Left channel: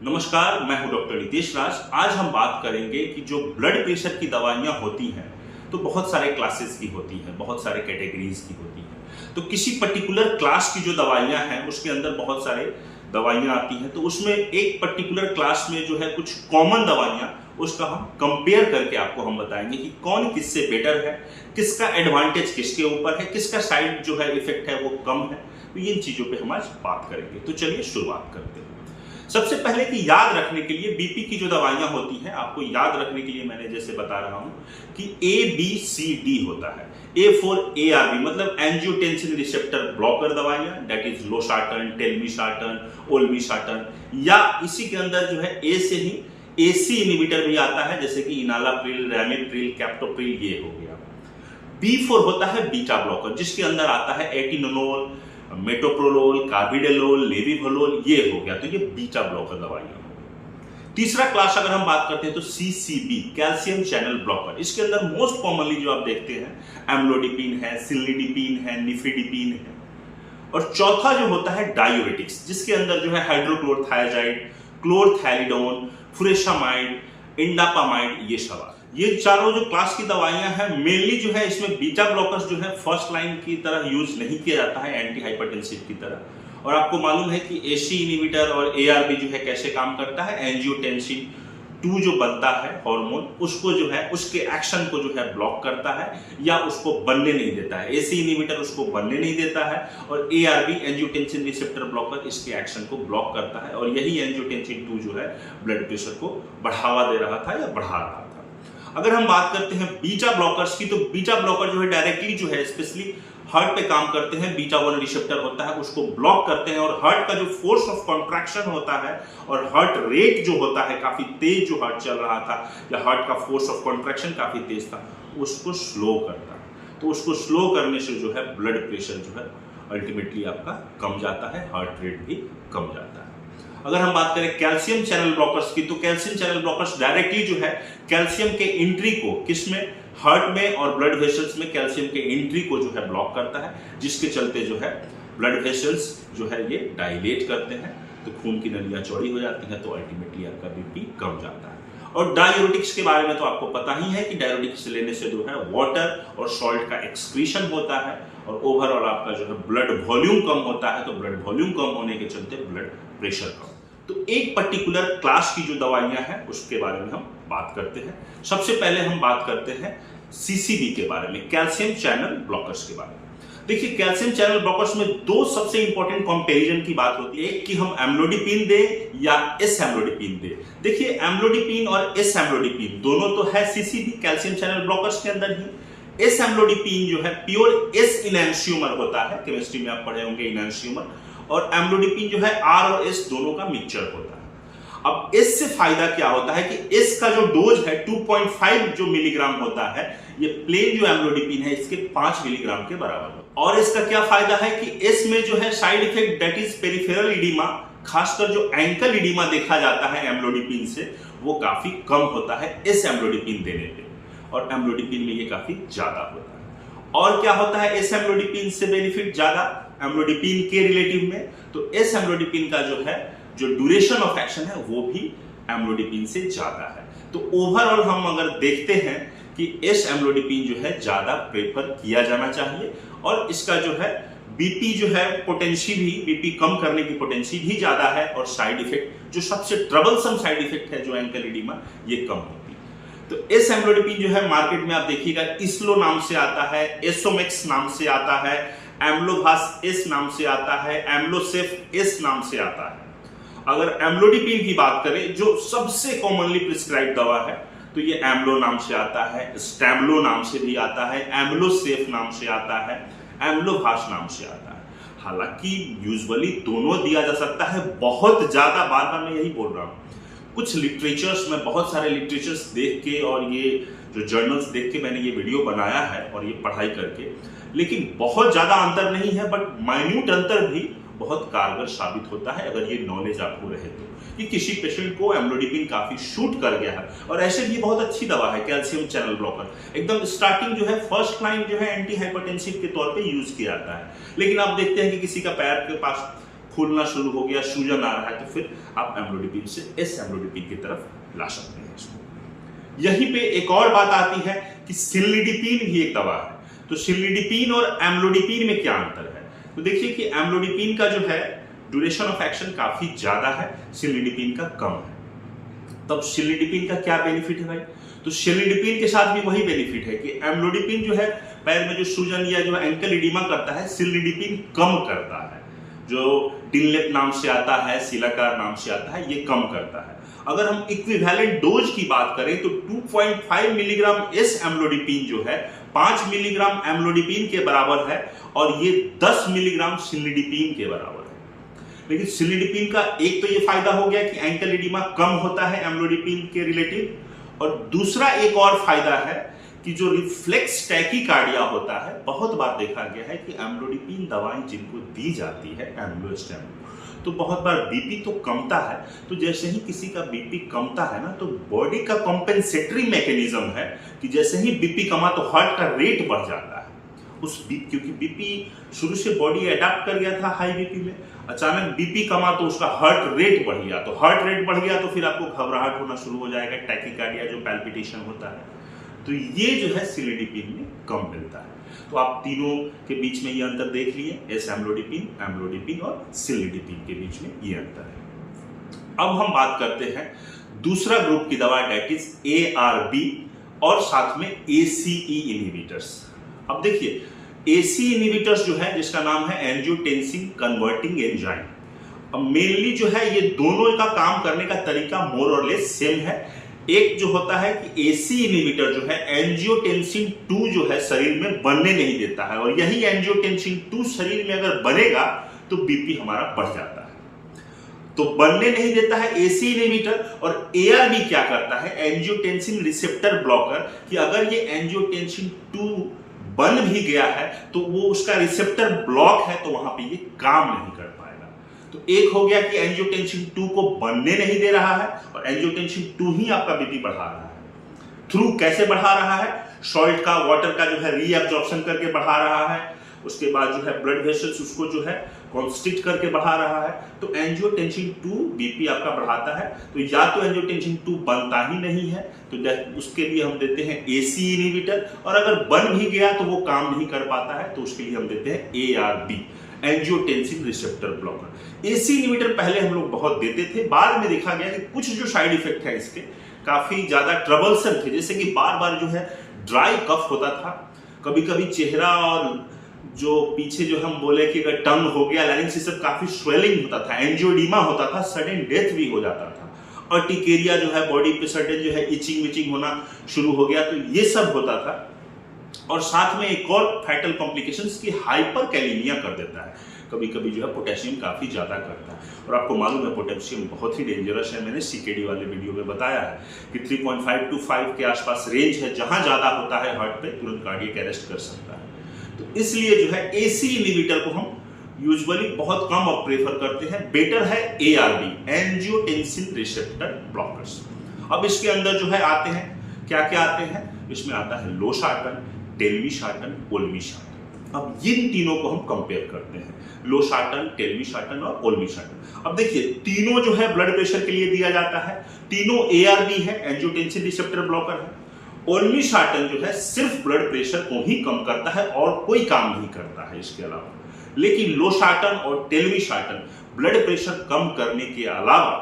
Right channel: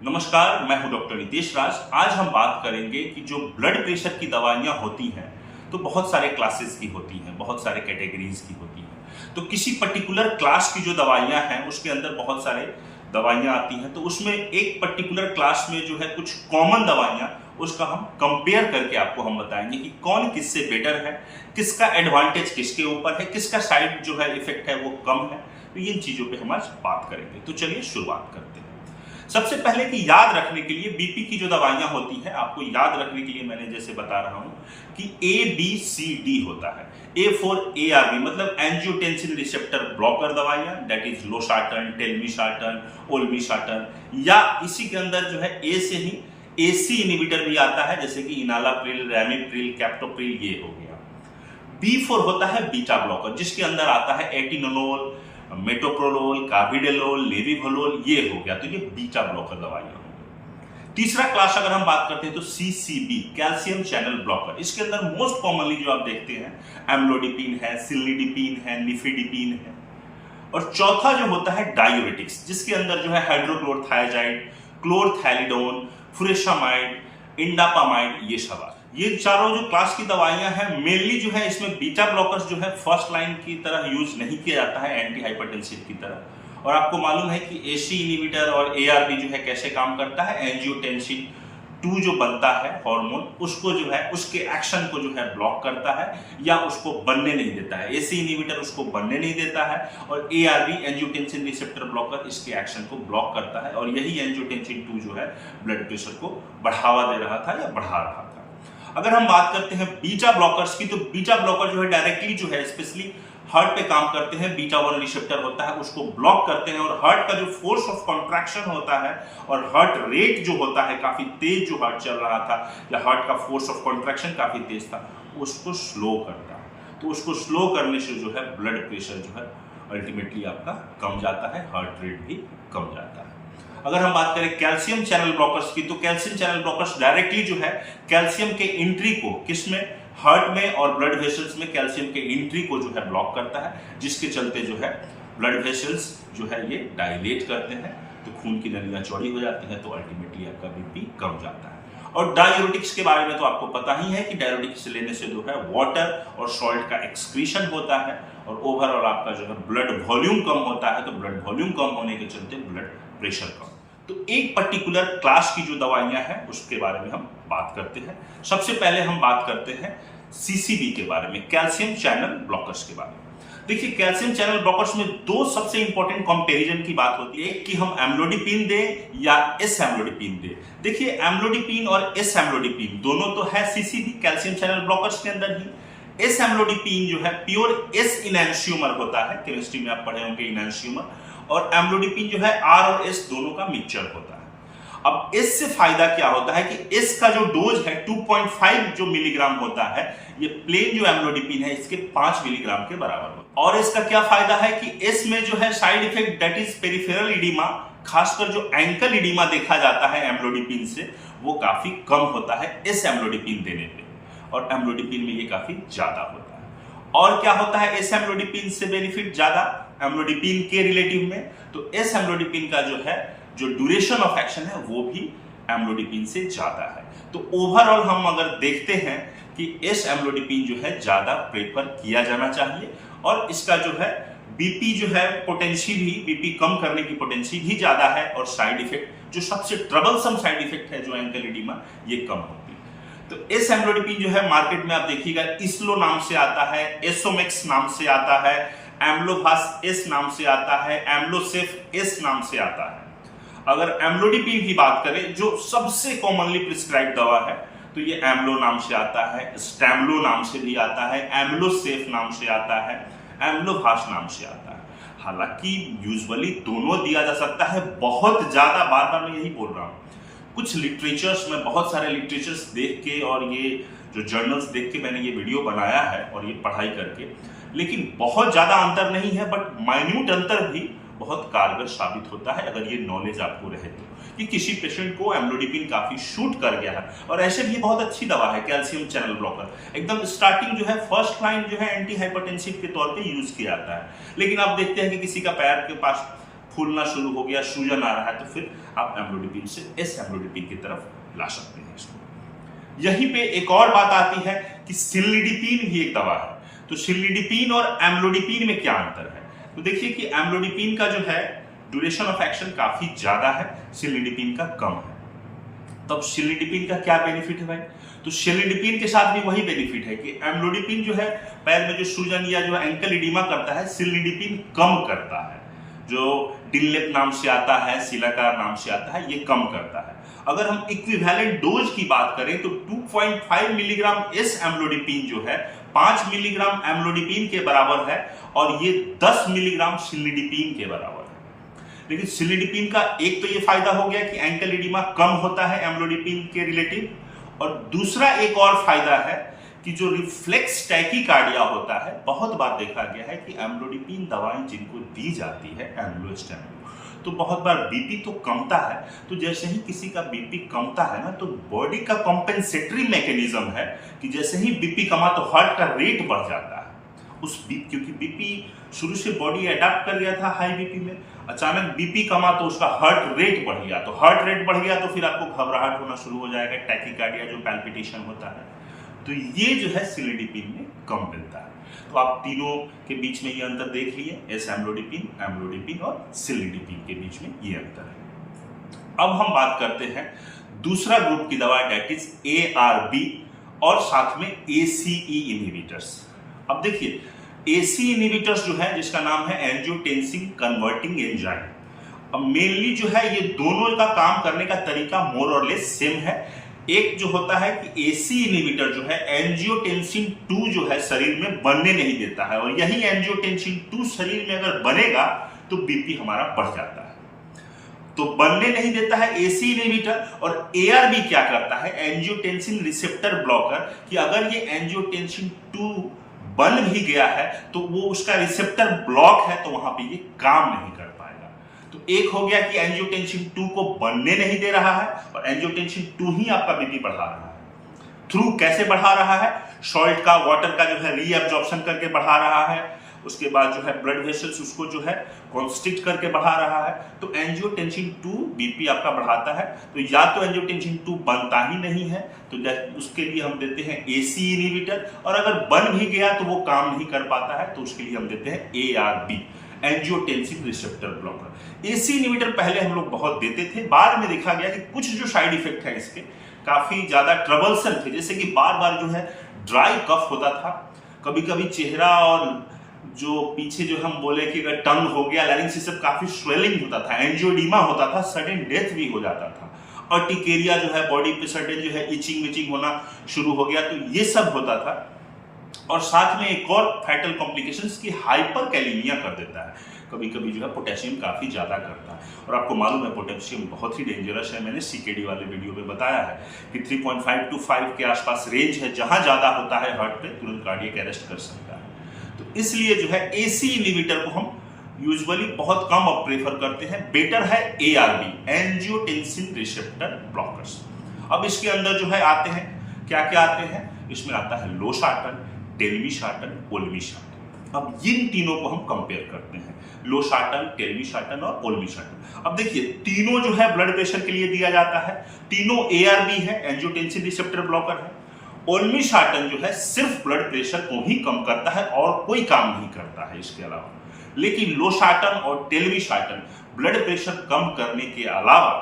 नमस्कार, मैं हूं डॉक्टर नितेश राज। आज हम बात करेंगे कि जो ब्लड प्रेशर की दवाइयां होती हैं तो बहुत सारे क्लासेस की होती हैं, बहुत सारे कैटेगरीज की होती हैं। तो किसी पर्टिकुलर क्लास की जो दवाइयां हैं उसके अंदर बहुत सारे दवाइयां आती हैं। तो उसमें एक पर्टिकुलर क्लास में जो है कुछ कॉमन दवाइयां, उसका हम कंपेयर करके आपको हम बताएंगे कि कौन किससे बेटर है, किसका एडवांटेज किसके ऊपर है, किसका साइड जो है इफेक्ट है वो कम है। तो इन चीजों पे हम आज बात करेंगे। तो चलिए शुरुआत करते हैं। सबसे पहले कि याद रखने के लिए बीपी की जो दवाइयां होती हैं, आपको याद रखने के लिए मैंने जैसे बता रहा हूं कि ABCD होता है। A फॉर ARB मतलब एंजियोटेंसिन रिसेप्टर ब्लॉकर दवाइयां, दैट इज लोसार्टन, टेलमिसार्टन, ओल्मिसार्टन, या इसी के अंदर जो है ए से ही AC इनहिबिटर भी आता है, जैसे कि इनालाप्रिल, रैमिप्रिल, कैप्टोप्रिल, ये हो गया। B फॉर होता है बीटा ब्लॉकर, जिसके अंदर आता है एटिनोलोल, मेटोप्रोलोल, कार्बिडेलोल, लेविवोलोल, ये हो गया। तो ये बीटा ब्लॉकर दवाइयां हो गई। तीसरा क्लास अगर हम बात करते हैं तो CCB, कैल्शियम चैनल ब्लॉकर। इसके अंदर मोस्ट कॉमनली जो आप देखते हैं एम्लोडिपिन है, सिल्निडिपिन है, निफिडिपिन है। और चौथा जो होता है डायूरेटिक्स, जिसके अंदर जो है हाइड्रोक्लोरथायाजाइड, क्लोरथैलिडोन, फुरेशामाइड, इंडापामाइड, ये सब। ये चारों जो क्लास की दवाइयां हैं, मेनली जो है इसमें बीटा ब्लॉकर्स जो है फर्स्ट लाइन की तरह यूज नहीं किया जाता है एंटी हाइपरटेंसिव की तरह। और आपको मालूम है कि AC इनहिबिटर और ARB जो है कैसे काम करता है, एंजियोटेंसिन 2 जो बनता है हार्मोन, उसको जो है उसके एक्शन को जो है ब्लॉक करता है या उसको बनने नहीं देता है। AC इनहिबिटर उसको बनने नहीं देता है और ARB एंजियोटेंसिन रिसेप्टर ब्लॉकर इसके एक्शन को ब्लॉक करता है। और यही एंजियोटेंसिन 2 जो है ब्लड प्रेशर को बढ़ावा दे रहा था या बढ़ा रहा था। अगर हम बात करते हैं बीटा ब्लॉकर्स की, तो बीटा ब्लॉकर जो है डायरेक्टली जो है स्पेशली हार्ट पे काम करते हैं। बीटा 1 रिसेप्टर होता है, उसको ब्लॉक करते हैं और हार्ट का जो फोर्स ऑफ कॉन्ट्रैक्शन होता है और हार्ट रेट जो होता है, काफी तेज जो हार्ट चल रहा था या हार्ट का फोर्स ऑफ कॉन्ट्रैक्शन काफी तेज था, उसको स्लो करता है। तो उसको स्लो करने से जो है ब्लड प्रेशर जो है अल्टीमेटली आपका कम जाता है, हार्ट रेट भी कम जाता है। अगर हम बात करें कैल्शियम चैनल ब्लॉकर्स की, तो कैल्शियम चैनल ब्लॉकर्स डायरेक्टली जो है कैल्शियम के एंट्री को किसमें, हार्ट में और ब्लड वेसल्स में कैल्शियम के एंट्री को जो है ब्लॉक करता है, जिसके चलते जो है ब्लड वेसल्स जो है ये डायलेट करते हैं, तो खून की नलियां चौड़ी हो जाती हैं, तो अल्टीमेटली आपका बीपी कम जाता है। और डायूरेटिक्स के बारे में तो आपको पता ही है कि डायूरेटिक्स लेने से जो है वाटर और सॉल्ट का एक्सक्रीशन होता है और ओवरऑल आपका जो है ब्लड वॉल्यूम कम होता है। तो ब्लड वॉल्यूम कम होने के चलते ब्लड प्रेशर कम। तो एक पर्टिकुलर क्लास की जो दवाइयां हैं उसके बारे में हम बात करते हैं। सबसे पहले हम बात करते हैं CCB के बारे में, कैल्शियम चैनल ब्लॉकर्स के बारे में। देखिए, कैल्शियम चैनल ब्लॉकर्स में दो सबसे इंपॉर्टेंट कंपैरिजन की बात होती है, एक कि हम एम्लोडिपिन दें या एस एम्लोडिपिन दें। देखिए, एम्लोडिपिन और एस एम्लोडिपिन दोनों तो है CCB, कैल्शियम चैनल ब्लॉकर्स के अंदर ही। एस एम्लोडिपिन जो है प्योर एस इनैंशियोमर होता है, केमिस्ट्री में आप पढ़े होंगे इनैंशियोमर, और एम्लोडिपिन जो है R और S दोनों का मिक्सचर होता है। अब S से फायदा क्या होता है कि S का जो डोज है 2.5 जो मिलीग्राम होता है, ये प्लेन जो एम्लोडिपिन है इसके 5 मिलीग्राम के बराबर होता है। और इसका क्या फायदा है कि S में जो है side effect, that is peripheral oedema, खासकर जो एंकल इडीमा देखा जाता है एम्लोडिपिन से, वो काफी कम होता है S एम्लोडिपिन देने पे, और एम्लोडिपिन में ये काफी ज्यादा होता है। और क्या होता है एस एम्लोडिपिन से बेनिफिट ज्यादा एम्लोडिपिन के रिलेटिव में, तो एस एम्लोडिपिन का जो है जो ड्यूरेशन ऑफ एक्शन है वो भी एम्लोडिपिन से ज्यादा है। तो ओवरऑल हम अगर देखते हैं कि एस एम्लोडिपिन जो है ज्यादा प्रेफर किया जाना चाहिए, और इसका जो है बीपी जो है पोटेंसी भी, बीपी कम करने की पोटेंसी भी ज्यादा है, और साइड इफेक्ट जो सबसे ट्रबलसम साइड इफेक्ट है जो एंकल इडीमा, ये कम होती है। तो एस एम्लोडिपिन जो है मार्केट में आप देखिएगा इसलो नाम से आता है, एसोमेक्स नाम से आता है, एम्लोभास एस नाम से आता है, एम्लोसेफ एस नाम से आता है। अगर एम्लोडिपिन की बात करें जो सबसे कॉमनली प्रिस्क्राइब दवा है, तो ये एम्लो नाम से आता है, स्टैमलो नाम से भी आता है, एम्लोसेफ नाम से आता है, एम्लोभास नाम से आता है। हालांकि यूजुअली दोनों दिया जा सकता है, बहुत ज्यादा, बार बार मैं यही बोल रहा हूं, कुछ लिटरेचर्स में, बहुत सारे लिटरेचर्स देख के और ये जो जर्नल्स देख के मैंने ये वीडियो बनाया है और ये पढ़ाई करके, लेकिन बहुत ज्यादा अंतर नहीं है, बट माइन्यूट अंतर भी बहुत कारगर साबित होता है अगर ये नॉलेज आपको रहे तो, कि किसी पेशेंट को एम्लोडिपिन काफी शूट कर गया है। और ऐसे भी बहुत अच्छी दवा है कैल्शियम चैनल ब्लॉकर, एकदम स्टार्टिंग जो है फर्स्ट लाइन जो है एंटी हाइपरटेंसिव के तौर पे यूज किया जाता है। लेकिन आप देखते हैं कि किसी का पैर के पास फूलना शुरू हो गया, सूजन आ रहा है, तो फिर आप एम्लोडिपिन से एस एम्लोडिपिन की तरफ ला सकते हैं इसको। यहीं पे एक और बात आती है कि सिलिडिपिन भी एक दवा है। तो सिलिडिपिन और एम्लोडिपिन में क्या अंतर है? तो देखिए कि एम्लोडिपिन का जो है ड्यूरेशन ऑफ एक्शन काफी ज्यादा है, सिलिडिपिन का कम है। तब सिलिडिपिन का क्या बेनिफिट है भाई? तो सिलिडिपिन के साथ भी वही बेनिफिट है कि एम्लोडिपिन जो है पैर में जो सूजन या जो एंकल इडिमा करता है, सिलिडिपिन कम करता है। जो डिनलेप नाम से आता है, सिलाकार नाम से आता है, ये कम करता है। अगर हम इक्विवेलेंट डोज की बात करें तो 2.5 मिलीग्राम एस एम्लोडिपिन जो है 5 मिलीग्राम एम्लोडिपिन के बराबर है और ये 10 मिलीग्राम सिलिडिपिन के बराबर है। लेकिन सिलिडिपिन का एक तो ये फायदा हो गया कि एंकल इडिमा कम होता है एम्लोडिपिन के रिलेटिव, और दूसरा एक और फायदा है कि जो रिफ्लेक्स टैकीकार्डिया होता है, बहुत बार देखा गया है कि एम्लोडिपिन दवाएं जिनको दी जाती है एम्लोस्टेम, तो बहुत बार बीपी तो कमता है। तो जैसे ही किसी का बीपी कमता है ना, तो बॉडी का कॉम्पेंसेटरी मैकेनिज्म है कि जैसे ही बीपी कमा तो हार्ट का रेट बढ़ जाता है। क्योंकि बीपी शुरू से बॉडी अडेप्ट कर गया था हाई बीपी में, अचानक बीपी कमा तो उसका हार्ट रेट बढ़ गया, तो हार्ट रेट बढ़ गया तो फिर आपको घबराहट होना शुरू हो जाएगा, टैकीकार्डिया जो पैल्पिटेशन होता है। तो ये जो है सिलिडिपिन में कम मिलता है। तो आप तीनों के बीच में ये अंतर देख लिए, एस एम्लोडिपिन, एम्लोडिपिन और सिलिडिपिन के बीच में ये अंतर है। अब हम बात करते हैं दूसरा ग्रुप की दवा, डेट इज ARB और साथ में ACE इनहिबिटर्स। अब देखिए AC इनहिबिटर्स जो है, जिसका नाम है एंजियोटेंसिन कन्वर्टिंग एंजाइम, अब मेनली जो है ये दोनों का काम करने का तरीका मोर और लेस सेम है। एक जो होता है कि AC इनहिबिटर जो है एंजियोटेंसिन 2 जो है शरीर में बनने नहीं देता है, और यही एंजियोटेंसिन 2 शरीर में अगर बनेगा तो बीपी हमारा बढ़ जाता है। तो बनने नहीं देता है AC इनहिबिटर, और ARB क्या करता है, एंजियोटेंसिन रिसेप्टर ब्लॉकर, कि अगर ये एंजियोटेंसिन 2 बन भी गया है तो वो उसका रिसेप्टर ब्लॉक है, तो वहां पे ये काम नहीं कर पाएगा। तो एक हो गया कि एंजियोटेंसिन 2 को बनने नहीं दे रहा है, और एंजियोटेंसिन 2 ही आपका बीपी बढ़ा रहा है। थ्रू कैसे बढ़ा रहा है? सॉल्ट का, वाटर का जो है रीअब्जॉर्प्शन करके बढ़ा रहा है, उसके बाद जो है ब्लड वेसल्स उसको जो है कॉन्स्ट्रिक्ट करके बढ़ा रहा है। तो एंजियोटेंसिन 2 बीपी आपका बढ़ाता है। तो या तो एंजियोटेंसिन 2 बनता ही नहीं है, तो उसके लिए हम देते हैं AC इनहिबिटर, और अगर बन भी गया तो वो काम नहीं कर पाता है, तो उसके लिए हम देते हैं ARB, angiotensin receptor blocker. AC inhibitor पहले हम लोग बहुत देते थे, बाद में देखा गया कि कुछ जो साइड इफेक्ट है इसके काफी ज्यादा ट्रबलसम थे, जैसे कि बार बार जो है ड्राई कफ होता था, कभी कभी चेहरा और जो पीछे जो हम बोले कि अगर टंग हो गया, लैरिंक्स, ये सब काफी स्वेलिंग होता था, एंजियोडीमा होता था, सडन डेथ भी हो जाता था, और टिकेरिया जो है बॉडी पे सडन जो है इचिंग विचिंग होना शुरू हो गया, तो ये सब होता था। और साथ में एक और फैटल कॉम्प्लिकेशंस की हाइपरकैलेमिया कर देता है, कभी कभी जो है पोटेशियम काफी ज्यादा करता है, और आपको मालूम है पोटेशियम बहुत ही डेंजरस है। मैंने CKD वाले वीडियो में बताया है कि 3.5 to 5 के आसपास रेंज है, जहां ज्यादा होता है हार्ट पे तुरंत कार्डियक अरेस्ट कर सकता है। तो इसलिए जो है AC इनहिबिटर को हम यूजुअली बहुत कम अब प्रेफर करते हैं। बेटर है ARB, एंजियोटेंसिन रिसेप्टर ब्लॉकर्स। अब इसके अंदर जो है आते हैं, क्या क्या आते हैं, इसमें आता है लोसार्टन, टेल्मिसार्टन, ओल्मिसार्टन। अब इन तीनों को हम कंपेयर करते हैं, लोसार्टन, टेल्मिसार्टन और ओल्मिसार्टन। अब देखिए तीनों जो है ब्लड प्रेशर के लिए दिया जाता है, तीनों ARB है, एंजियोटेंसिन रिसेप्टर ब्लॉकर है। ओल्मिसार्टन जो है सिर्फ ब्लड प्रेशर को ही कम करता है और कोई काम नहीं करता है इसके अलावा। लेकिन लोसार्टन और टेल्मिसार्टन ब्लड प्रेशर कम करने के अलावा,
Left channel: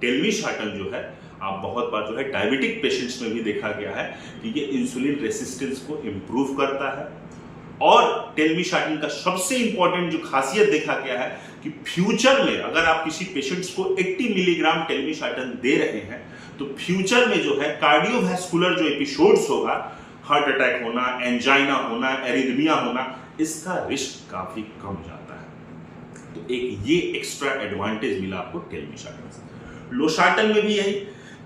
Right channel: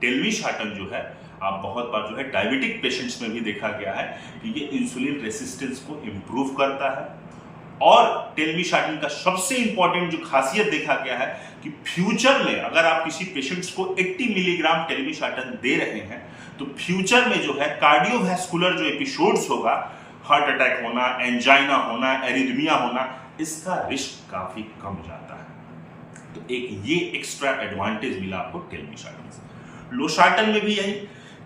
टेल्मिसार्टन जो है आप बहुत बार जो है डायबिटिक पेशेंट्स में भी देखा गया है कि ये इंसुलिन रेसिस्टेंस को इंप्रूव करता है। और टेल्मिसार्टन का सबसे इंपॉर्टेंट जो खासियत देखा गया है कि फ्यूचर में अगर आप किसी पेशेंट्स को 80 मिलीग्राम टेल्मिसार्टन दे रहे हैं, तो फ्यूचर में जो है कार्डियोवैस्कुलर जो एपिसोड्स होगा, हार्ट अटैक होना, एंजाइना होना, एरिथमिया होना, इसका रिस्क काफी कम जाता है। तो एक ये एक्स्ट्रा एडवांटेज मिला आपको टेल्मिसार्टन से। लोसार्टन में भी यही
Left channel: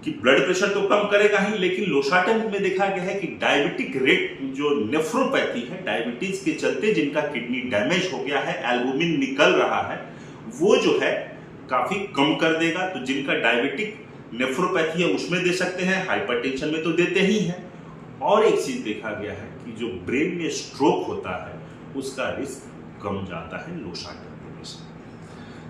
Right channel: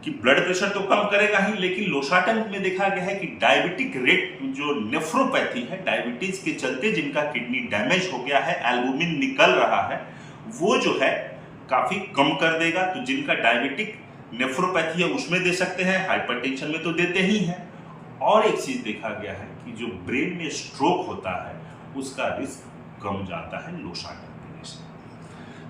कि ब्लड प्रेशर तो कम करेगा ही, लेकिन लोसार्टन में देखा गया है कि डायबिटिक रेट, जो नेफ्रोपैथी है, डायबिटीज के चलते जिनका किडनी डैमेज हो गया है, एल्बुमिन निकल रहा है, वो जो है काफी कम कर देगा। तो जिनका डायबिटिक नेफ्रोपैथी है उसमें दे सकते हैं, हाइपरटेंशन में तो देते ही हैं। और एक चीज देखा गया है कि जो ब्रेन में स्ट्रोक होता है उसका रिस्क कम जाता है लोसार्टन देने से।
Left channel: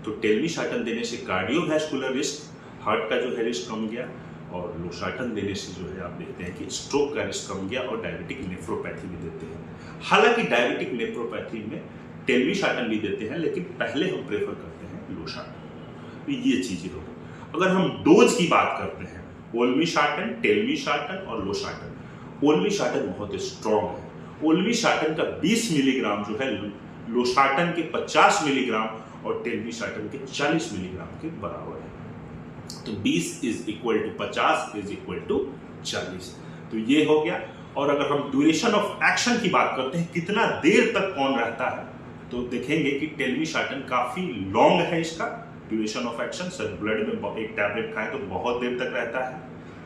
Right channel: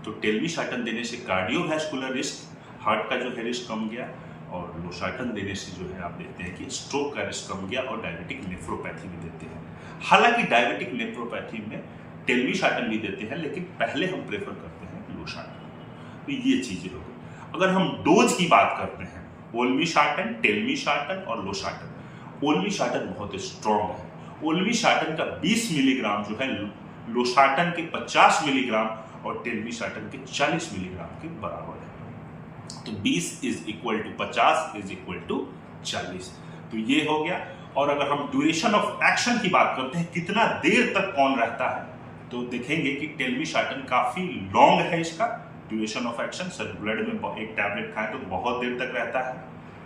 तो टेल्मिसार्टन देने से कार्डियोवैस्कुलर रिस्क, हार्ट का जो है रिस्क कम गया, और लोसार्टन देने से जो है आप देखते हैं कि स्ट्रोक का रिस्क कम गया, और डायबिटिक नेफ्रोपैथी भी देते हैं। हालांकि डायबिटिक नेफ्रोपैथी में टेल्मिसार्टन भी देते हैं, लेकिन पहले हम प्रेफर करते हैं लोसार्टन। तो ये चीजें हो गई। अगर हम डोज की बात करते हैं, ओल्मिसार्टन, टेल्मिसार्टन और लोसार्टन। ओल्मिसार्टन बहुत स्ट्रॉन्ग है। ओल्मिसार्टन का 20 मिलीग्राम जो है लोसार्टन के 50 मिलीग्राम और टेल्मिसार्टन के 40 मिलीग्राम के बराबर है। तो 20 is equal to 50 is equal to 40। तो ये हो गया। और अगर हम ड्यूरेशन ऑफ एक्शन की बात करते हैं, कितना देर तक कौन रहता है, तो देखेंगे कि टेल्मिसार्टन काफी लॉन्ग है इसका duration of action. Sir blood में एक टैबलेट खाएं तो बहुत देर तक रहता है,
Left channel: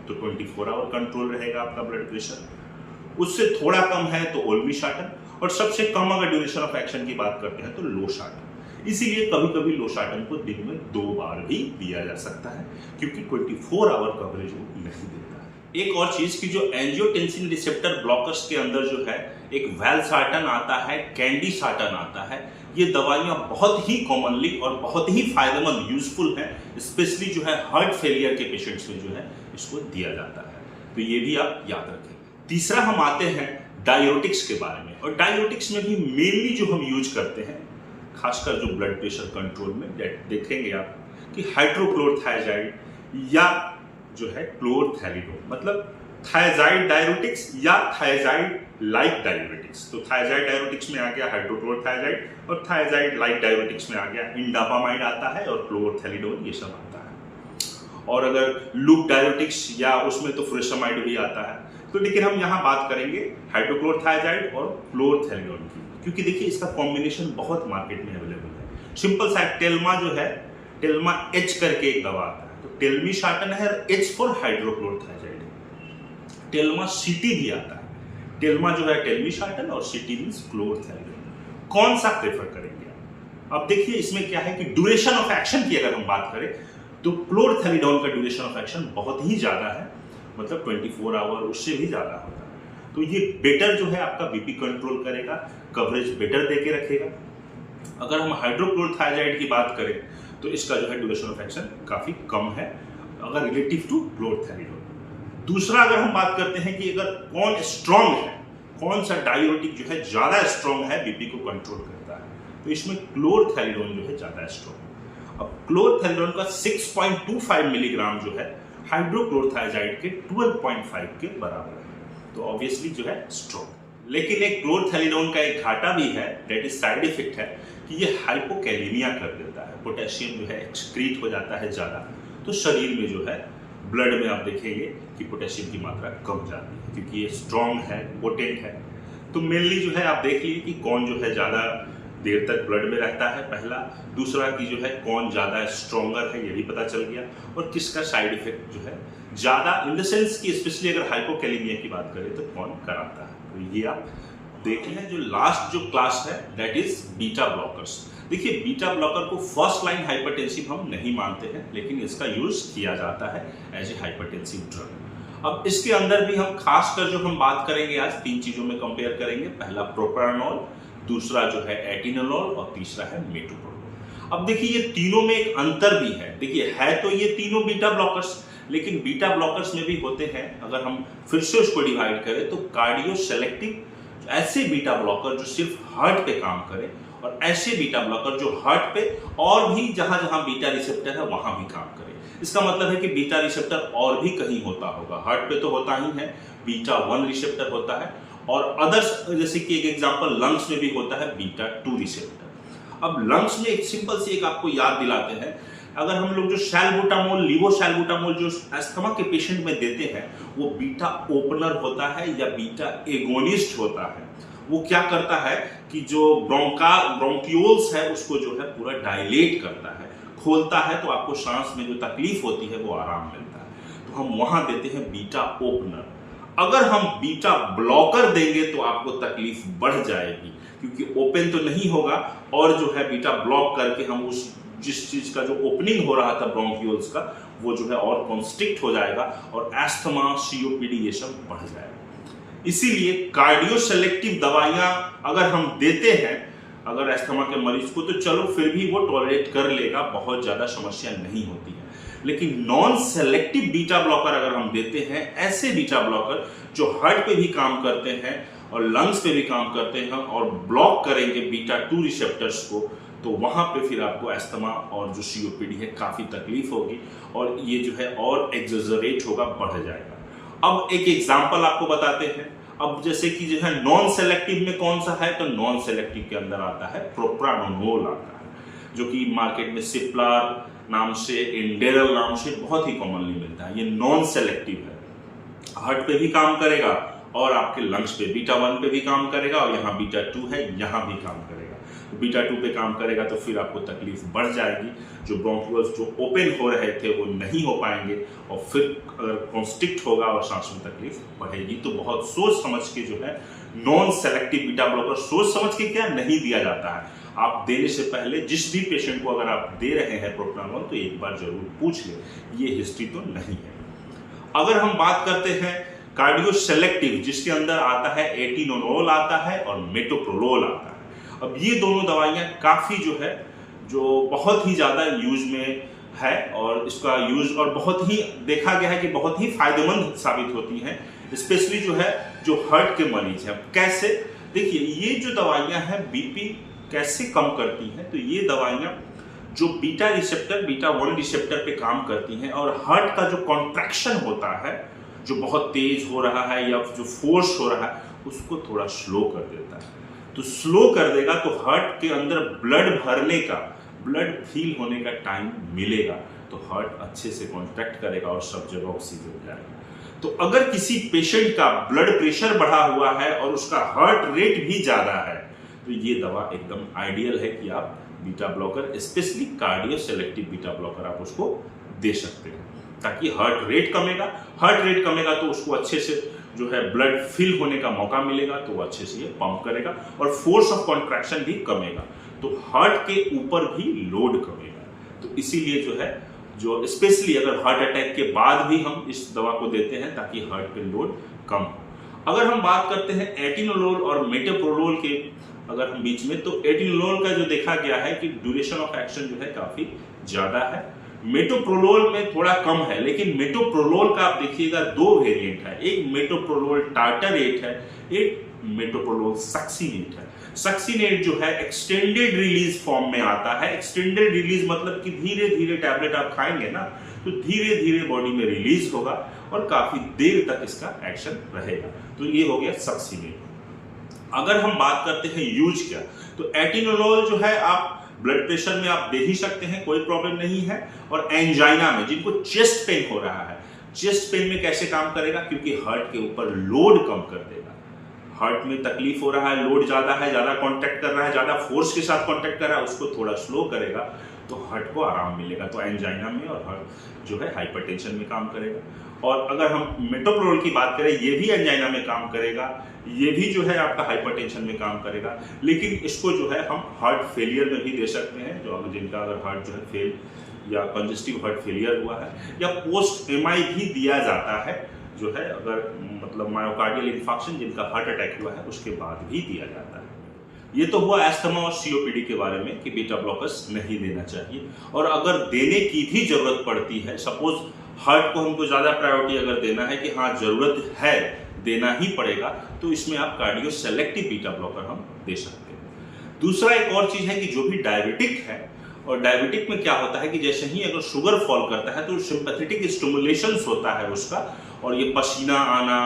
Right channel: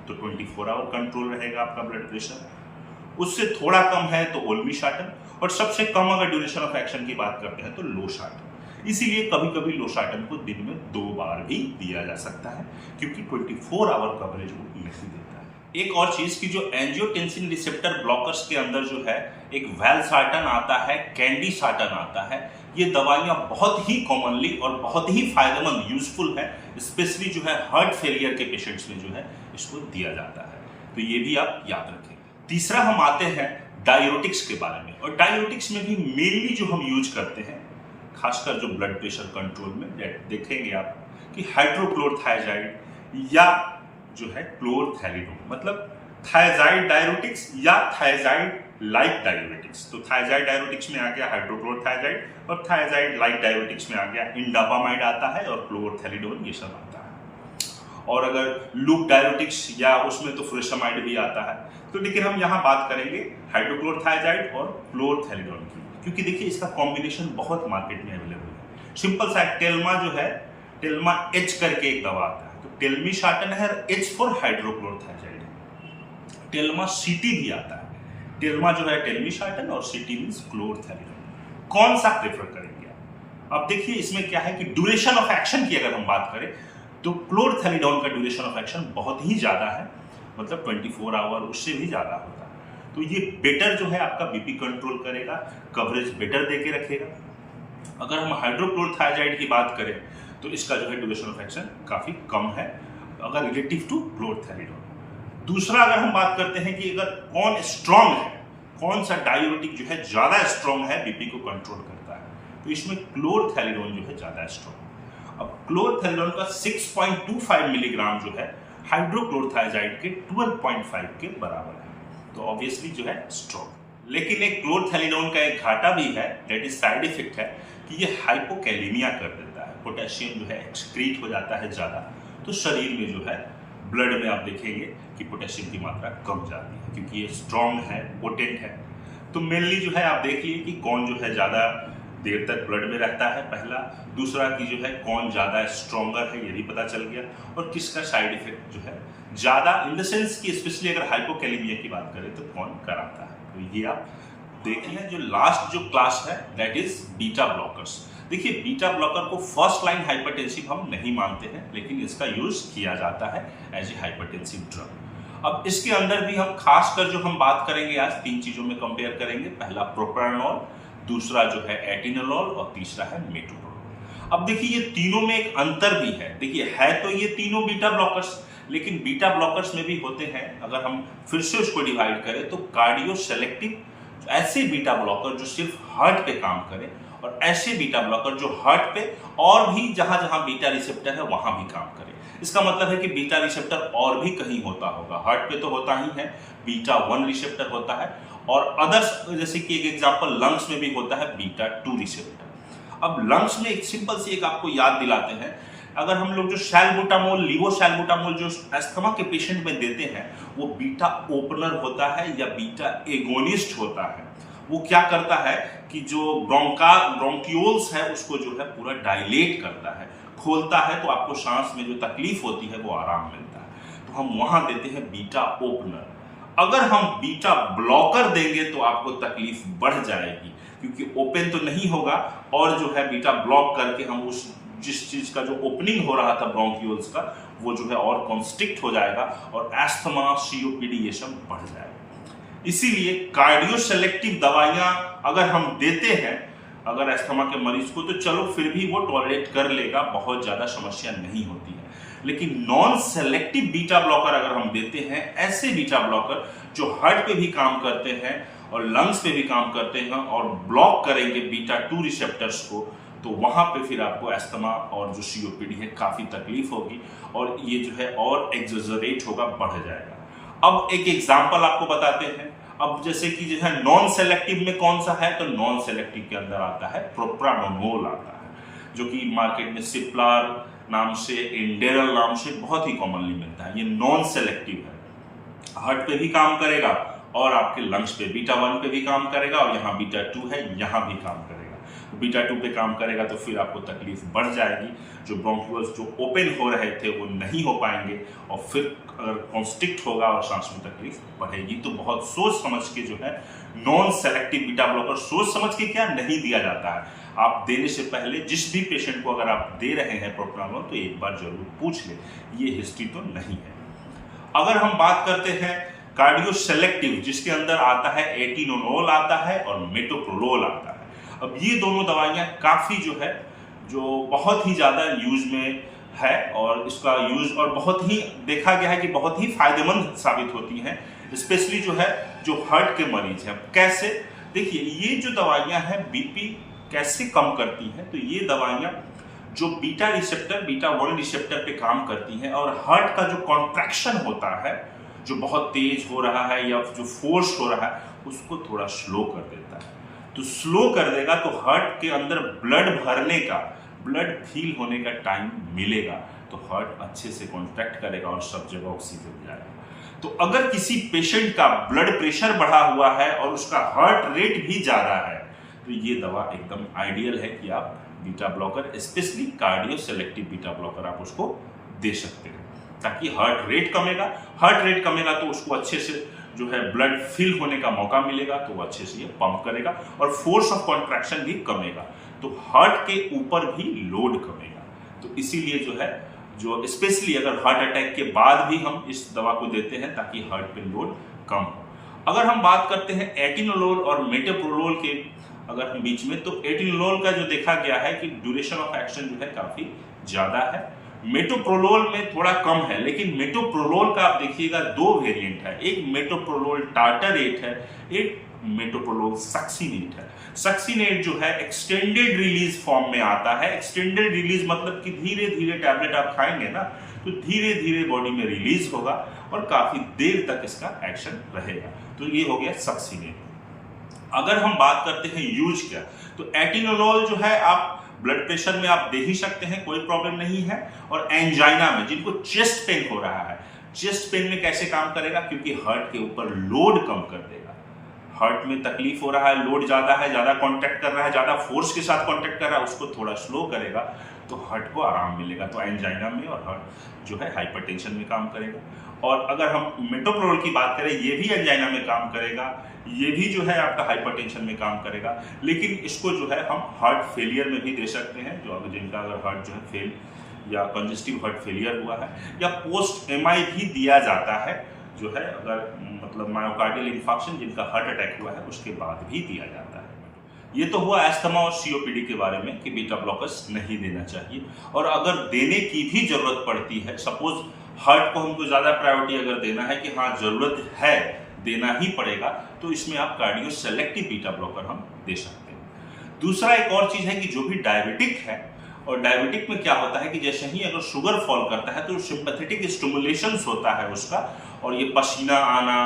तो 24 आवर कंट्रोल रहेगा आपका ब्लड प्रेशर। उससे थोड़ा कम है तो ओल्मिसार्टन, और सबसे कम अगर ड्यूरेशन ऑफ एक्शन की बात करते हैं तो लोसार्टन। इसीलिए कभी कभी लोसार्टन को दिन में 2 बार भी दिया जा सकता है, क्योंकि 24 आवर कवरेज वो नहीं देता है। एक और चीज कि जो एंजियोटेंसिन रिसेप्टर ब्लॉकर्स के अंदर जो है एक वैल्सार्टन आता है, कैंडिसार्टन आता है। ये दवाइयां बहुत ही कॉमनली और बहुत ही फायदेमंद, यूजफुल है, स्पेशली जो है हार्ट फेलियर के पेशेंट्स में जो है इसको दिया जाता है। तो ये भी आप याद रखेंगे। तीसरा हम आते हैं डायरेटिक्स के बारे में, और डायरेटिक्स में भी मेनली जो हम यूज करते हैं, खासकर जो ब्लड प्रेशर कंट्रोल में, देखेंगे आप कि हाइड्रोक्लोरथायजाइड या जो है क्लोरथैलिडोन, मतलब थायजाइड डायरेटिक्स या थायजाइड लाइक डायरेटिक्स। तो थायजाइड डायरेटिक्स में आ गया हाइड्रोक्लोरथायजाइड, और थायजाइड लाइक डायरेटिक्स में आ गया इंडापामाइड आता है, और क्लोरथैलिडोन ये सब आता है। और अगर लूप डायरेटिक्स या उसमें तो फुरेसमाइड भी आता है। तो लेकिन हम यहाँ बात करेंगे हाइड्रोक्लोरथायजाइड और क्लोरथैलिडोन की, क्योंकि देखिए इसका कॉम्बिनेशन बहुत मार्केट में अवेलेबल है। सिंपल सा टेल्मा जो है, टेल्मा एच करके एक दवा आता है, तो टेल्मिसार्टन है, एच फॉर हाइड्रोक्लोरथायजाइड है। टेल्मा सीटी भी आता है। टेल्मा जो है टेल्मिसार्टन और सीटी मींस क्लोरथैलिडोन। कौन सा प्रेफर करेंगे आप? अब देखिए इसमें क्या है कि ड्यूरेशन ऑफ एक्शन की अगर हम बात करें तो क्लोरथैलिडोन का ड्यूरेशन ऑफ एक्शन बहुत ही ज्यादा है, मतलब 24 आवर, उससे भी ज्यादा होता है। तो ये बेटर जो है आपका बीपी कंट्रोल करेगा, कवरेज बेटर देके रखेगा। अगर हम हाइड्रोक्लोरथायजाइड की बात करें तो इसका जो है ड्यूरेशन ऑफ एक्शन काफी कम है अगर रिलेटिव टू क्लोरथैलिडोन। दूसरा अगर हम बात करते हैं कि अगर कौन स्ट्रांग है, कौन सा डायरेटिक जो है ज्यादा स्ट्रांग है, बीपी को कंट्रोल करता है, तो इसमें क्लोरथैलिडोन जो है ज्यादा स्ट्रांग। अब क्लोरथैलिडोन का 6.25 मिलीग्राम जो है हाइड्रोक्लोरथायजाइड के 12.5 के बराबर है, तो ऑब्वियसली जो है स्ट्रॉन्ग। लेकिन एक क्लोरथैलिडोन का एक घाटा भी है, दैट इज साइड इफेक्ट है कि ये हाइपोकैलेमिया कर देता है। पोटेशियम जो है एक्सक्रीट हो जाता है ज़्यादा, तो शरीर में जो है ब्लड में आप देखेंगे कि पोटेशियम की मात्रा कम जाती है, क्योंकि ये स्ट्रॉन्ग है, पोटेंट है। तो मेनली जो है आप देख लीजिए कि कौन जो है ज़्यादा देर तक ब्लड में रहता है, पहला। दूसरा कि जो है कौन ज़्यादा स्ट्रॉन्गर है, ये भी पता चल गया। और किसका साइड इफेक्ट जो है ज़्यादा, इन द सेंस कि स्पेशली अगर हाइपोकैलेमिया की बात करें तो कौन कराता है। तो ये आप देख लें। जो लास्ट जो क्लास है दैट इज बीटा ब्लॉकर्स। देखिए बीटा ब्लॉकर को फर्स्ट लाइन हाइपरटेंसिव हम नहीं मानते हैं, लेकिन इसका यूज किया जाता है एज ए हाइपरटेंसिव ड्रग। अब इसके अंदर भी हम खासकर जो हम बात करेंगे आज 3 चीजों में कंपेयर करेंगे। पहला प्रोप्रानोल, दूसरा जो है एटिनोलोल, और तीसरा है मेटोप्रोलोल। अब देखिए ये तीनों में एक अंतर भी है। देखिए है तो ये तीनों बीटा ब्लॉकर्स, लेकिन बीटा ब्लॉकर्स में भी होते हैं, अगर हम फिर से उसको डिवाइड करें तो कार्डियो सेलेक्टिव, ऐसे बीटा ब्लॉकर जो सिर्फ हार्ट पे काम करें, और ऐसे बीटा ब्लॉकर जो हार्ट पे और भी जहां जहां बीटा रिसेप्टर है वहां भी काम करें। इसका मतलब है कि बीटा रिसेप्टर और भी कहीं होता होगा, हार्ट पे तो होता ही है, बीटा 1 रिसेप्टर होता है, और अदर्स जैसे कि एक एग्जांपल लंग्स में भी होता है बीटा 2 रिसेप्टर। अब लंग्स में एक सिंपल सी एक आपको याद दिलाते हैं, अगर हम लोग जो सैल्बुटामोल, लीवोसैल्बुटामोल जो अस्थमा के पेशेंट में देते हैं, वो बीटा ओपनर होता है या बीटा एगोनिस्ट होता है। वो क्या करता है कि जो ब्रोंकियोल्स है उसको जो है पूरा डायलेट करता है, खोलता है, तो आपको सांस में जो तकलीफ होती है वो आराम मिलता है। तो हम वहां देते हैं बीटा ओपनर। अगर हम बीटा ब्लॉकर देंगे तो आपको तकलीफ बढ़ जाएगी, क्योंकि ओपन तो नहीं होगा, और जो है बीटा ब्लॉक करके हम उस जिस चीज का जो ओपनिंग हो रहा था ब्रोंकियोल्स का, वो जो है और कॉन्स्ट्रिक्ट हो जाएगा, और एस्थमा, सीओपीडी ये सब बढ़ जाएगा। इसीलिए कार्डियो सेलेक्टिव दवाइयां अगर हम देते हैं, अगर अस्थमा के मरीज को, तो चलो फिर भी वो टॉलरेट कर लेगा, बहुत ज़्यादा समस्या नहीं होती है। लेकिन नॉन सेलेक्टिव बीटा ब्लॉकर अगर हम देते हैं, ऐसे बीटा ब्लॉकर जो हार्ट पे भी काम करते हैं और लंग्स पे भी काम करते हैं और ब्लॉक करेंगे बीटा 2 रिसेप्टर्स को, तो वहाँ पे फिर आपको अस्थमा और जो COPD है काफ़ी तकलीफ होगी और ये जो है और एक्सेजरेट होगा, बढ़ जाएगा। अब एक एग्जाम्पल आपको बताते हैं। अब जैसे कि जो है नॉन सेलेक्टिव में कौन सा है, तो नॉन सेलेक्टिव के अंदर आता है प्रोप्रानोलोल आता है, जो कि मार्केट में सिप्लार नाम से, इंडेरल नाम से बहुत ही कॉमनली मिलता है। ये नॉन सेलेक्टिव है, हार्ट पे भी काम करेगा और आपके लंग्स पे बीटा 1 पे भी काम करेगा और यहाँ बीटा 2 है, यहाँ भी काम करेगा। तो बीटा 2 पे काम करेगा तो फिर आपको तकलीफ बढ़ जाएगी, जो ब्रोंक्यूल्स जो ओपन हो रहे थे वो नहीं हो पाएंगे और फिर अगर कॉन्स्ट्रिक्ट होगा और सांस में तकलीफ बढ़ेगी। तो बहुत सोच समझ के जो है नॉन सेलेक्टिव बीटा ब्लॉकर, सोच समझ के क्या नहीं दिया जाता है। आप देने से पहले जिस भी पेशेंट को अगर आप दे रहे हैं प्रोप्रानोलोल, तो एक बार जरूर पूछ ले, ये हिस्ट्री तो नहीं है। अगर हम बात करते हैं कार्डियो सेलेक्टिव, जिसके अंदर आता है एटिनोलोल आता है और मेटोप्रोलोल आता है। अब ये दोनों दवाइयाँ काफ़ी जो बहुत ही ज़्यादा यूज में है और इसका यूज और बहुत ही देखा गया है कि बहुत ही फायदेमंद साबित होती हैं, स्पेशली जो हार्ट के मरीज हैं। कैसे? देखिए, ये जो दवाइयाँ हैं बीपी कैसे कम करती हैं, तो ये दवाइयाँ जो बीटा 1 रिसेप्टर पे काम करती हैं और हार्ट का जो कॉन्ट्रैक्शन होता है, जो बहुत तेज हो रहा है या जो फोर्स हो रहा है, उसको थोड़ा स्लो कर देता है। तो स्लो कर देगा तो हार्ट के अंदर ब्लड भरने का, ब्लड फील होने का टाइम मिलेगा, तो हार्ट अच्छे से कॉन्ट्रैक्ट करेगा और सब जगह ऑक्सीजन जाएगा। तो अगर किसी पेशेंट का ब्लड प्रेशर बढ़ा हुआ है और उसका हार्ट रेट भी ज़्यादा है, तो ये दवा एकदम आइडियल है कि आप beta blocker, specially cardio selective beta blocker, आप उसको दे सकते हैं, ताकि हार्ट रेट कमेगा तो उसको अच्छे से ब्लड फिल होने का मौका मिलेगा, तो वो अच्छे से ये पंप करेगा और फोर्स ऑफ कॉन्ट्रैक्शन भी कमेगा, तो हार्ट के ऊपर भी लोड कमेगा। तो इसीलिए जो स्पेशली अगर हार्ट अटैक के बाद भी हम इस दवा को देते हैं ताकि हार्ट पे लोड कम हो। अगर हम बात करते हैं एटिनोलोल और मेटोप्रोलोल के अगर हम बीच में, तो एटिनोलोल का जो देखा गया है कि ड्यूरेशन ऑफ एक्शन काफ़ी ज़्यादा है, मेटोप्रोलोल में थोड़ा कम है। लेकिन मेटोप्रोलोल का आप देखिएगा 2 वेरिएंट है, एक मेटोप्रोलोल टार्टरेट है, एक मेटोप्रोलोल सक्सिनेट है। सक्सिनेट जो है एक्सटेंडेड रिलीज फॉर्म में आता है। एक्सटेंडेड रिलीज मतलब कि धीरे धीरे टैबलेट आप खाएंगे ना, तो धीरे धीरे बॉडी में रिलीज होगा और काफी देर तक इसका एक्शन रहेगा, तो ये हो गया सक्सिनेट। अगर हम बात करते हैं यूज क्या, तो एटिनोलोल जो है आप ब्लड प्रेशर में आप दे ही सकते हैं, कोई प्रॉब्लम नहीं है। और एंजाइना में, जिनको चेस्ट पेन हो रहा है, चेस्ट पेन में कैसे काम करेगा, क्योंकि हार्ट के ऊपर लोड कम कर देगा। हार्ट में तकलीफ हो रहा है, लोड ज़्यादा है, ज़्यादा कांटेक्ट कर रहा है, ज़्यादा फोर्स के साथ कांटेक्ट कर रहा है, उसको थोड़ा स्लो करेगा तो हार्ट को आराम मिलेगा। तो एंजाइना में और हार्ट हाइपरटेंशन में काम करेगा। और अगर हम मेटोप्रोलोल की बात करें, ये भी एंजाइना में काम करेगा, ये भी आपका हाइपरटेंशन में काम करेगा। लेकिन इसको हम हार्ट फेलियर में भी दे सकते हैं, जो जिनका अगर हार्ट फेल या कंजेस्टिव हार्ट फेलियर हुआ है, या पोस्ट MI भी दिया जाता है, अगर मतलब मायोकार्डियल इन्फार्क्शन, जिनका हार्ट अटैक हुआ है उसके बाद भी दिया जाता है। ये तो हुआ अस्थमा और COPD के बारे में कि बीटा ब्लॉकर्स नहीं देना चाहिए। और अगर देने की भी जरूरत पड़ती है, सपोज हार्ट को हमको ज़्यादा प्रायोरिटी अगर देना है कि हाँ जरूरत है, देना ही पड़ेगा, तो इसमें आप कार्डियो सेलेक्टिव बीटा ब्लॉकर हम दे सकते हैं। दूसरा एक और चीज़ है कि जो भी डायबिटिक है, और डायबिटिक में क्या होता है कि जैसे ही अगर शुगर फॉल करता है तो सिंपैथेटिक स्टिमुलेशंस होता है उसका, और ये पसीना आना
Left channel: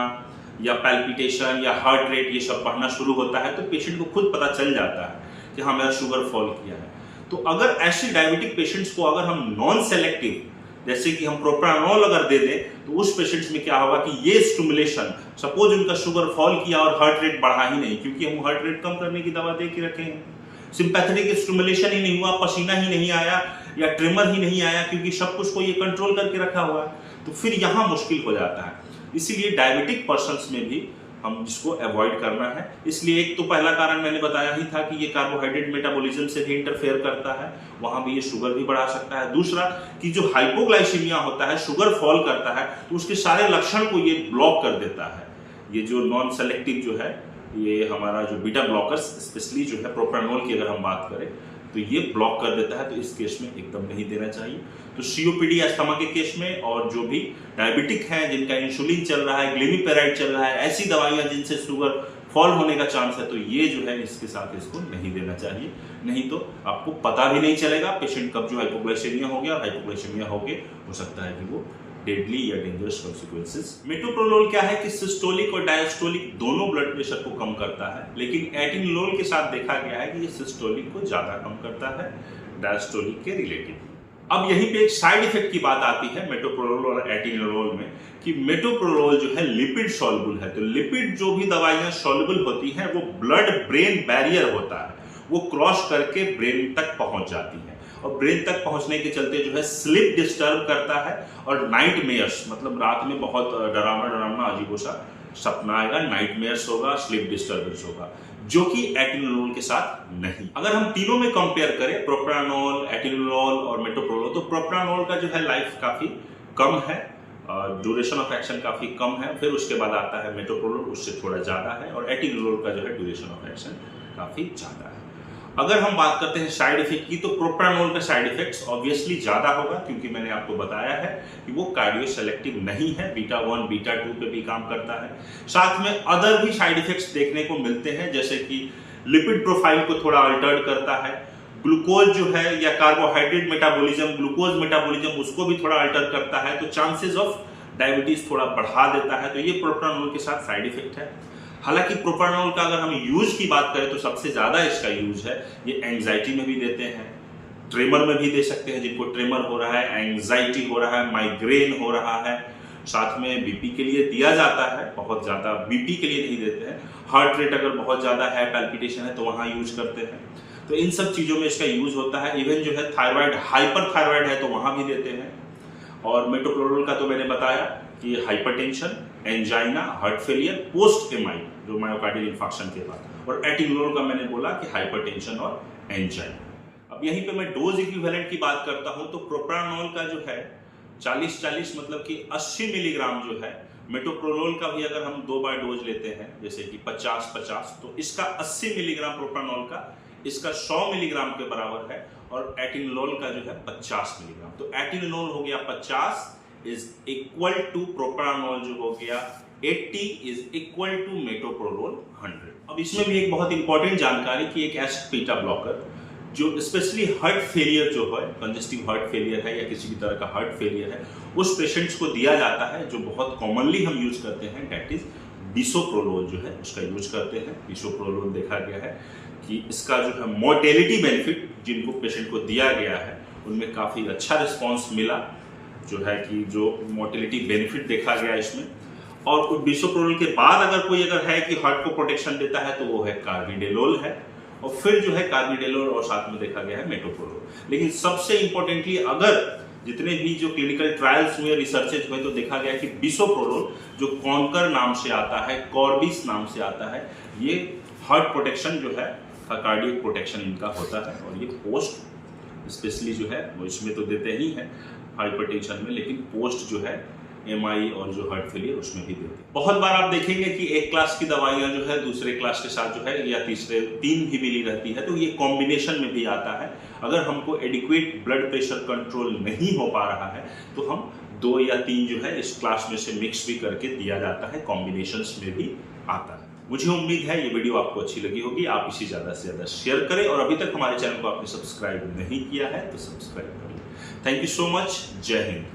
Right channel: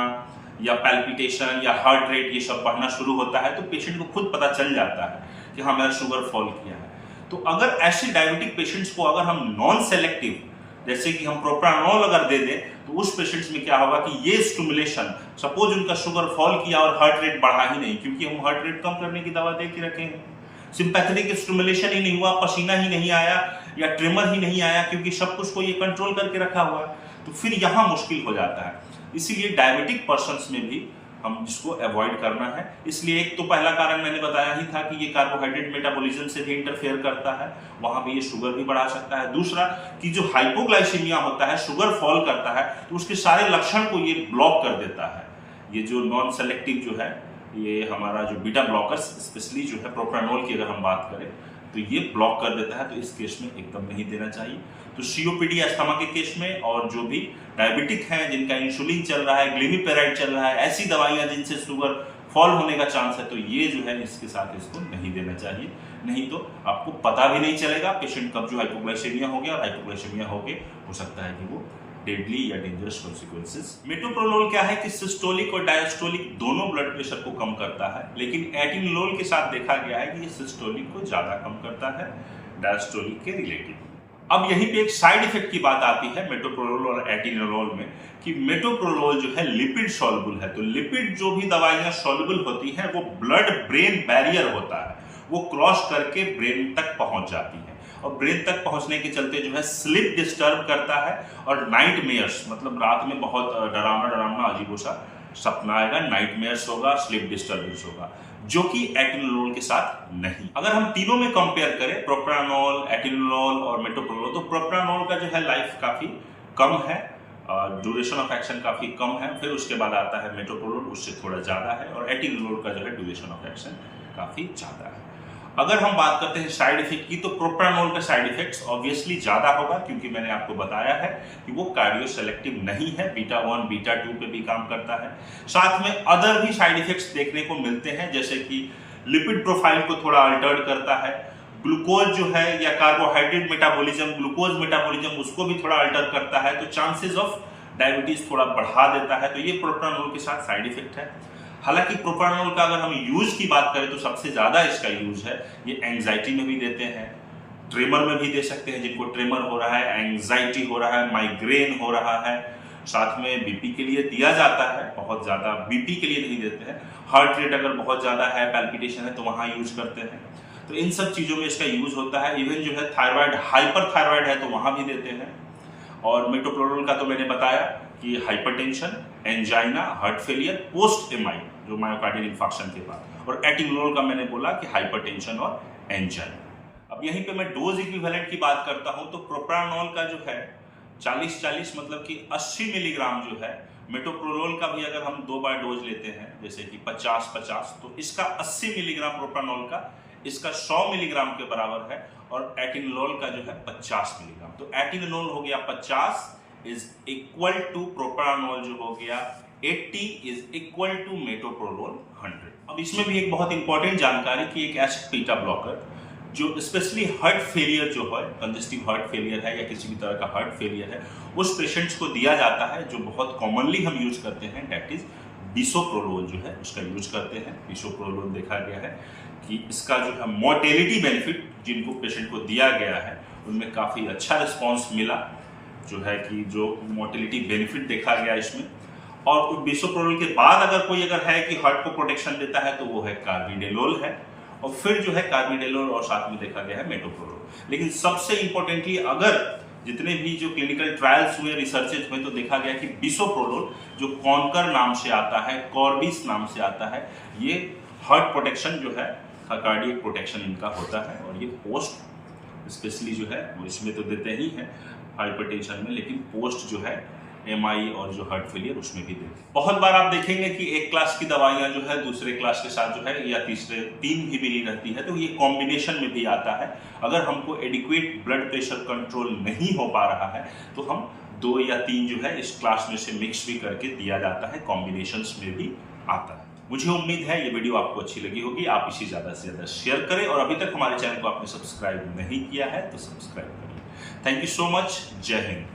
या पैल्पिटेशन या हार्ट रेट ये सब बढ़ना शुरू होता है, तो पेशेंट को खुद पता चल जाता है कि हाँ मेरा शुगर फॉल किया है। तो अगर ऐसे डायबिटिक पेशेंट्स को अगर हम नॉन सेलेक्टिव, जैसे कि हम प्रोप्रानोल अगर दे दें, तो उस पेशेंट्स में क्या होगा कि ये स्टिमुलेशन, सपोज उनका शुगर फॉल किया और हार्ट रेट बढ़ा ही नहीं, क्योंकि हम हार्ट रेट कम करने की दवा दे के रखे हैं, सिंपैथेटिक स्टिमुलेशन ही नहीं हुआ, पसीना ही नहीं आया या ट्रिमर ही नहीं आया, क्योंकि सब कुछ को ये कंट्रोल करके रखा हुआ है, तो फिर यहाँ मुश्किल हो जाता है। इसीलिए डायबिटिक पर्सन्स में भी हम जिसको अवॉइड करना है। इसलिए एक तो पहला कारण मैंने बताया ही था कि ये कार्बोहाइड्रेट मेटाबॉलिज्म से भी इंटरफेयर करता है, वहां भी ये शुगर भी बढ़ा सकता है। दूसरा कि जो हाइपोग्लाइसीमिया होता है, शुगर फॉल करता है, तो उसके सारे लक्षण को ये ब्लॉक कर देता है। ये जो नॉन सेलेक्टिव ये हमारा जो बीटा ब्लॉकर्स, स्पेशली जो है प्रोप्रानोल की अगर हम बात करें तो ये ब्लॉक कर देता है, तो इस केस में एकदम नहीं देना चाहिए। तो सीओपीडी अस्थमा के केस में, और जो भी डायबिटिक हैं जिनका इंसुलिन चल रहा है, ग्लिमिपेराइड चल रहा है, ऐसी दवाइयां जिनसे शुगर फॉल होने का चांस है, तो ये जो है इसके साथ इसको नहीं देना चाहिए। नहीं तो आपको पता भी नहीं चलेगा पेशेंट कब जो हाइपोग्लाइसेमिया हो गया, और हाइपोग्लाइसेमिया हो सकता है कि वो डेडली या डेंजरस कॉन्सिक्वेंसेस। मेटोप्रोलोल क्या है कि सिस्टोलिक और डायस्टोलिक दोनों ब्लड प्रेशर को कम करता है, लेकिन एटिनोलोल के साथ देखा गया है कि ये सिस्टोलिक को ज्यादा कम करता है डायस्टोलिक के रिलेटिव। अब यहीं पे एक साइड इफेक्ट की बात आती है मेटोप्रोलोल और एटिनोलोल में, कि मेटोप्रोलोल जो है लिपिड सॉल्युबल है। तो लिपिड जो भी दवाइयां सॉल्युबल होती हैं वो ब्लड ब्रेन बैरियर होता है, वो क्रॉस करके ब्रेन तक पहुंच जाती है, और ब्रेन तक पहुंचने के चलते जो है स्लीप डिस्टर्ब करता है, और नाइटमेयर्स, मतलब रात में बहुत डरावना अजीबोसा सपना आएगा, नाइटमेयर्स होगा, स्लीप डिस्टर्बेंस होगा, जो कि एटिनोलोल के साथ नहीं। अगर हम तीनों में कंपेयर करें, प्रोप्रानोल, एटिनोलोल और मेटोप्रोलोल, तो प्रोप्रानोल का जो है लाइफ काफी कम है, ड्यूरेशन ऑफ एक्शन काफी कम है। फिर उसके बाद आता है मेटोप्रोलोल, उससे थोड़ा ज्यादा है, और एटिनोलोल का जो है ड्यूरेशन ऑफ एक्शन काफी ज्यादा है। अगर हम बात करते हैं साइड इफेक्ट की, तो प्रोप्रानोल का साइड इफेक्ट्स ऑब्वियसली ज्यादा होगा, क्योंकि मैंने आपको बताया है कि वो कार्डियो सेलेक्टिव नहीं है, बीटा 1 बीटा 2 पे भी काम करता है। साथ में अदर भी साइड इफेक्ट्स देखने को मिलते हैं, जैसे कि लिपिड प्रोफाइल को थोड़ा अल्टर्ड करता है, ग्लूकोज जो है या कार्बोहाइड्रेट मेटाबॉलिज्म, ग्लूकोज मेटाबॉलिज्म, उसको भी थोड़ा अल्टर करता है, तो चांसेस ऑफ डायबिटीज थोड़ा बढ़ा देता है। तो ये प्रोप्रानोल के साथ साइड इफेक्ट है। हालांकि प्रोप्रानोल का अगर हम यूज की बात करें तो सबसे ज्यादा इसका यूज है, ये एंजाइटी में भी देते हैं, ट्रेमर में भी दे सकते हैं, जिनको ट्रेमर हो रहा है, एंजाइटी हो रहा है, माइग्रेन हो रहा है, साथ में बीपी के लिए दिया जाता है, बहुत ज्यादा बीपी के लिए नहीं देते हैं। हार्ट रेट अगर बहुत ज्यादा है, पैल्पिटेशन है, तो वहां यूज करते हैं। तो इन सब चीजों में इसका यूज होता है। इवन जो है थायराइड, हाइपर थायराइड है तो वहां भी देते हैं। और मेटोप्रोलोल का तो मैंने बताया कि hypertension, angina, heart failure, post MI जो मायोकार्डियल इंफार्क्शन के बाद, और एटिनोलोल का मैंने बोला कि हाइपरटेंशन और एंजाइना। अब यहीं पे मैं डोज इक्विवेलेंट की बात करता हूं, तो प्रोप्रानोल का जो है 40-40 मतलब कि 80 मिलीग्राम जो है, मेटोप्रोलोल का भी अगर हम 2 बार डोज लेते हैं जैसे कि 50-50, तो इसका 80 मिलीग्राम प्रोप्रानोल का इसका 100 मिलीग्राम के बराबर है, और एटिनोलोल का जो है 50 मिलीग्राम। तो एटिनोलोल हो गया 50 इज इक्वल टू प्रोप्रानोल जो हो गया 80 इज इक्वल टू मेटोप्रोलोल 100। अब इसमें भी एक बहुत इंपॉर्टेंट जानकारी कि एक एसिड बीटा ब्लॉकर जो स्पेशली हार्ट फेलियर जो है, कंजेस्टिव हार्ट फेलियर है या किसी भी तरह का हार्ट फेलियर है, उस पेशेंट्स को दिया जाता है, जो बहुत कॉमनली हम यूज करते हैं, डेट इज बिसोप्रोलोल जो है उसका यूज करते हैं। बिसोप्रोलोल देखा गया है कि इसका जो है मोर्टेलिटी बेनिफिट जिनको पेशेंट को दिया गया है उनमें काफ़ी अच्छा रिस्पॉन्स मिला, जो है कि जो मोर्टेलिटी बेनिफिट देखा गया इसमें। और बिसोप्रोलोल के बाद अगर है कि हार्ट को प्रोटेक्शन देता है तो वो है कार्बिडेलोल है, और फिर जो है कार्बिडेलोल और साथ में देखा गया है मेटोप्रोलोल। लेकिन सबसे इंपॉर्टेंटली अगर जितने भी जो क्लिनिकल ट्रायल्स हुए, रिसर्चेज हुए, तो देखा गया कि बिसोप्रोलोल जो कॉन्कर नाम से आता है, कॉर्बिस नाम से आता है, ये हार्ट प्रोटेक्शन जो है, कार्डियक प्रोटेक्शन इनका होता है। और ये पोस्ट स्पेशली जो है वो इसमें तो देते ही हैं हाइपरटेंशन में, लेकिन पोस्ट जो है एमआई और जो हार्ट फेलियर उसमें भी देते हैं। बहुत बार आप देखेंगे कि एक क्लास की दवाइयां जो है दूसरे क्लास के साथ जो है या तीसरे 3 भी मिली रहती है, तो ये कॉम्बिनेशन में भी आता है। अगर हमको एडिक्वेट ब्लड प्रेशर कंट्रोल नहीं हो पा रहा है तो हम 2 या 3 जो है इस क्लास में से मिक्स भी करके दिया जाता है, कॉम्बिनेशंस में भी आता है। मुझे उम्मीद है ये वीडियो आपको अच्छी लगी होगी, आप इसे ज़्यादा से ज़्यादा शेयर करें, और अभी तक हमारे चैनल को आपने सब्सक्राइब नहीं किया है तो सब्सक्राइब कर लें। थैंक यू सो मच, जय हिंद।